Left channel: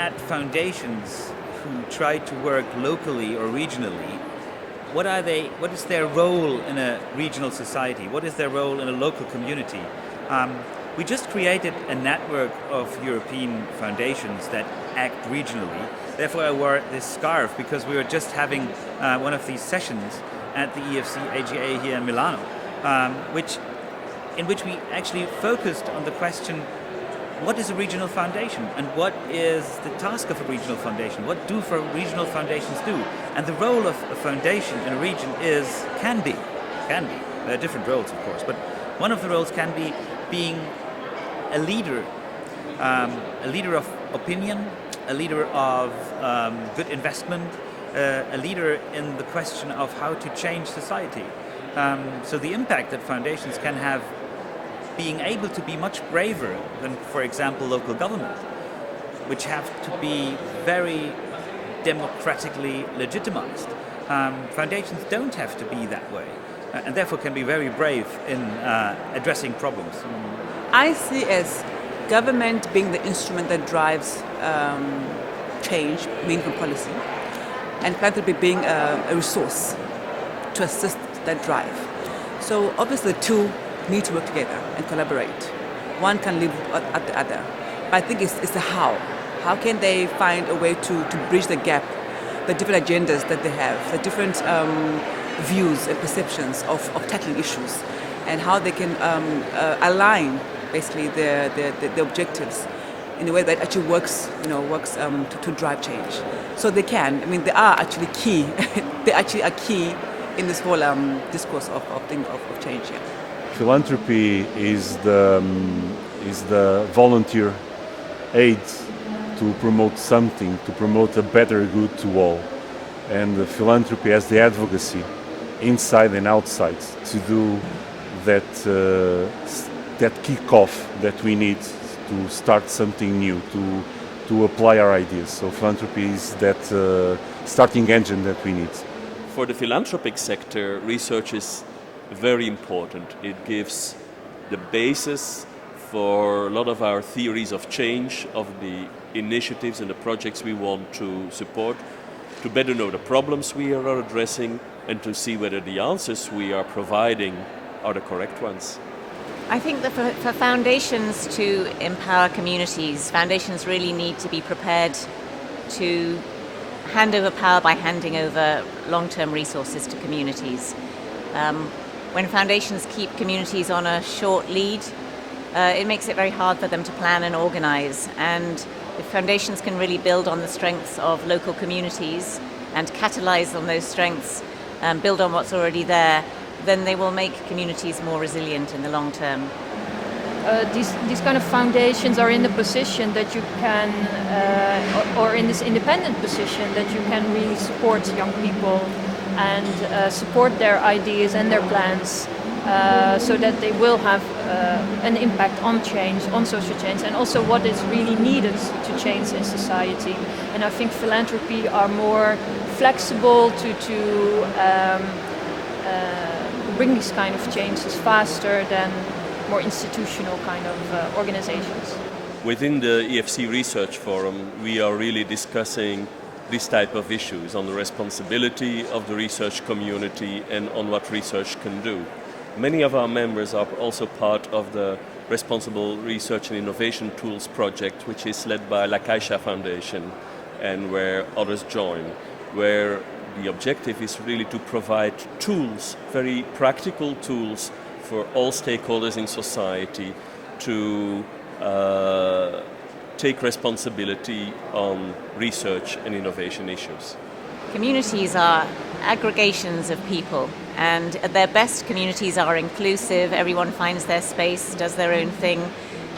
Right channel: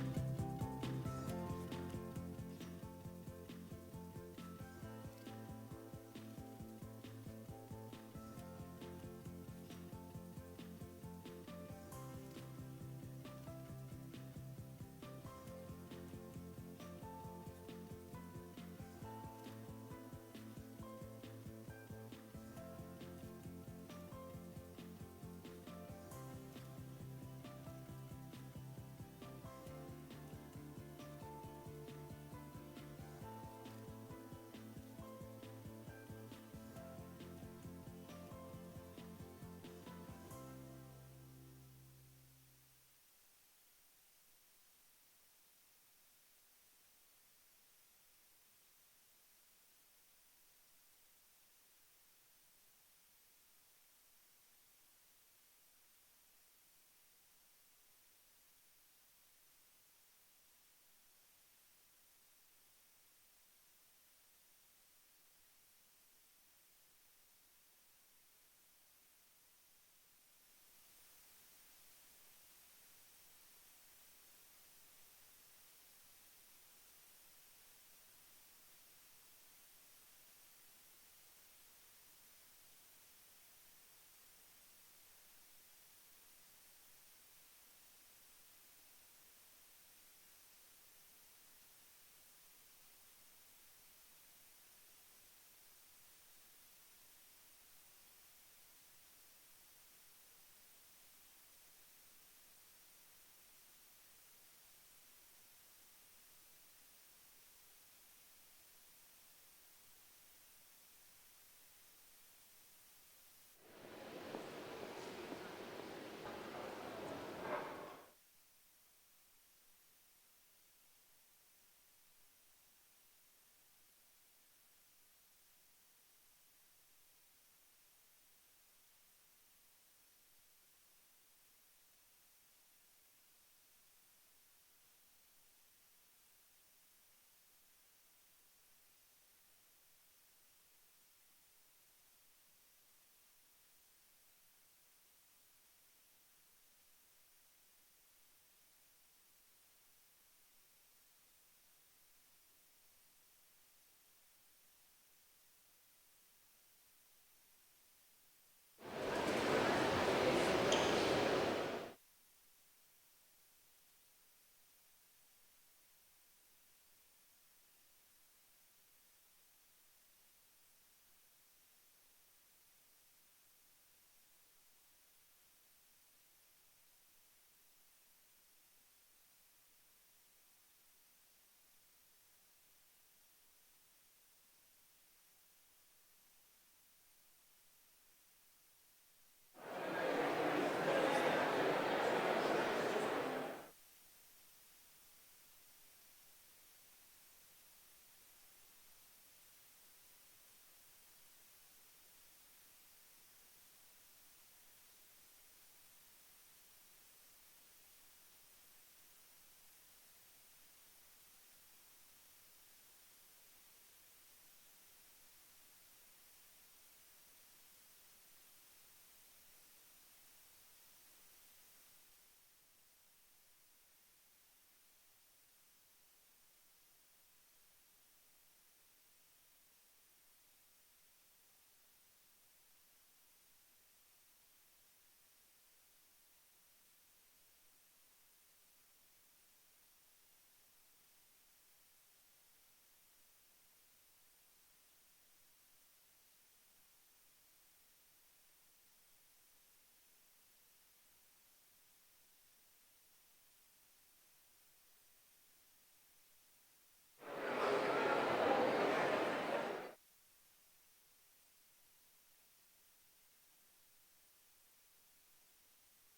at foundations who try to work locally or regionally, what is their role in a regional society? What is their role in a local community? We just created a network of European foundations that act regionally. Therefore, I wore this scarf because we were just having one of these sessions at the EFC AGA here in Milano, in which we actually focused on the question, what is a regional foundation and what is the task of a regional foundation? What do regional foundations do? And the role of a foundation in a region can be, there are different roles of course, but one of the roles can be being a leader of opinion, a leader of good investment, a leader in the question of how to change society. So the impact that foundations can have, being able to be much braver than, for example, local government, which have to be very democratically legitimized. Foundations don't have to be that way, and therefore can be very brave in addressing problems. I see as government being the instrument that drives change, meaningful policy, and philanthropy being a resource to assist that drive. So obviously the two need to work together and collaborate. One can live at the other. But I think it's the how. How can they find a way to bridge the gap, the different agendas that they have, the different views and perceptions of tackling issues, and how they can align basically the objectives in a way that actually works to drive change. So they can. I mean, they are actually key. They actually are key in this whole discourse of change. Yeah. Philanthropy is the volunteer aid to promote something, to promote a better good to all. And the philanthropy has the advocacy inside and outside to do that kick-off that we need to start something new, to apply our ideas. So philanthropy is that starting engine that we need. For the philanthropic sector, research is very important. It gives the basis for a lot of our theories of change, of the initiatives and the projects we want to support, to better know the problems we are addressing and to see whether the answers we are providing are the correct ones. I think that for foundations to empower communities, foundations really need to be prepared to hand over power by handing over long-term resources to communities. When foundations keep communities on a short lead, it makes it very hard for them to plan and organize. And if foundations can really build on the strengths of local communities and catalyze on those strengths, build on what's already there, then they will make communities more resilient in the long term. These kind of foundations are in the position that you can, or in this independent position that you can really support young people and support their ideas and their plans so that they will have an impact on change, on social change, and also what is really needed to change in society. And I think philanthropy are more flexible to bring these kind of changes faster than more institutional kind of organizations. Within the EFC Research Forum, we are really discussing this type of issues on the responsibility of the research community and on what research can do. Many of our members are also part of the Responsible Research and Innovation Tools project, which is led by La Caixa Foundation and where others join, where the objective is really to provide tools, very practical tools for all stakeholders in society to take responsibility on research and innovation issues. Communities are aggregations of people, and at their best, communities are inclusive. Everyone finds their space, does their own thing.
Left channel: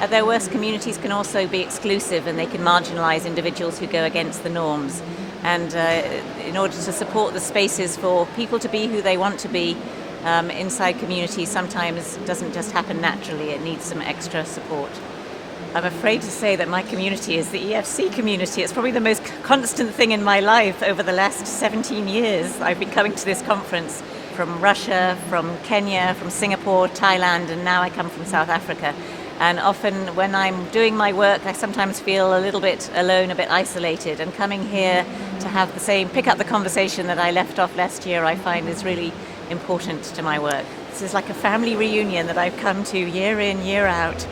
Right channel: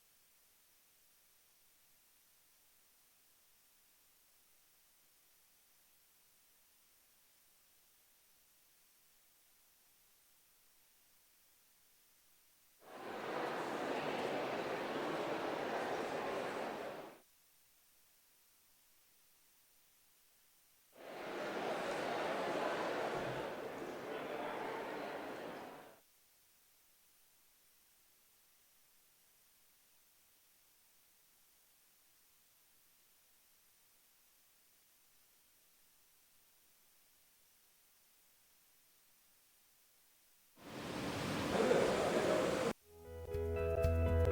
At their worst, communities can also be exclusive, and they can marginalize individuals who go against the norms. And in order to support the spaces for people to be who they want to be inside communities, sometimes doesn't just happen naturally. It needs some extra support. I'm afraid to say that my community is the EFC community. It's probably the most constant thing in my life over the last 17 years. I've been coming to this conference from Russia, from Kenya, from Singapore, Thailand, and now I come from South Africa. And often when I'm doing my work, I sometimes feel a little bit alone, a bit isolated. And coming here to have the same, pick up the conversation that I left off last year, I find is really important to my work. This is like a family reunion that I've come to year in, year out.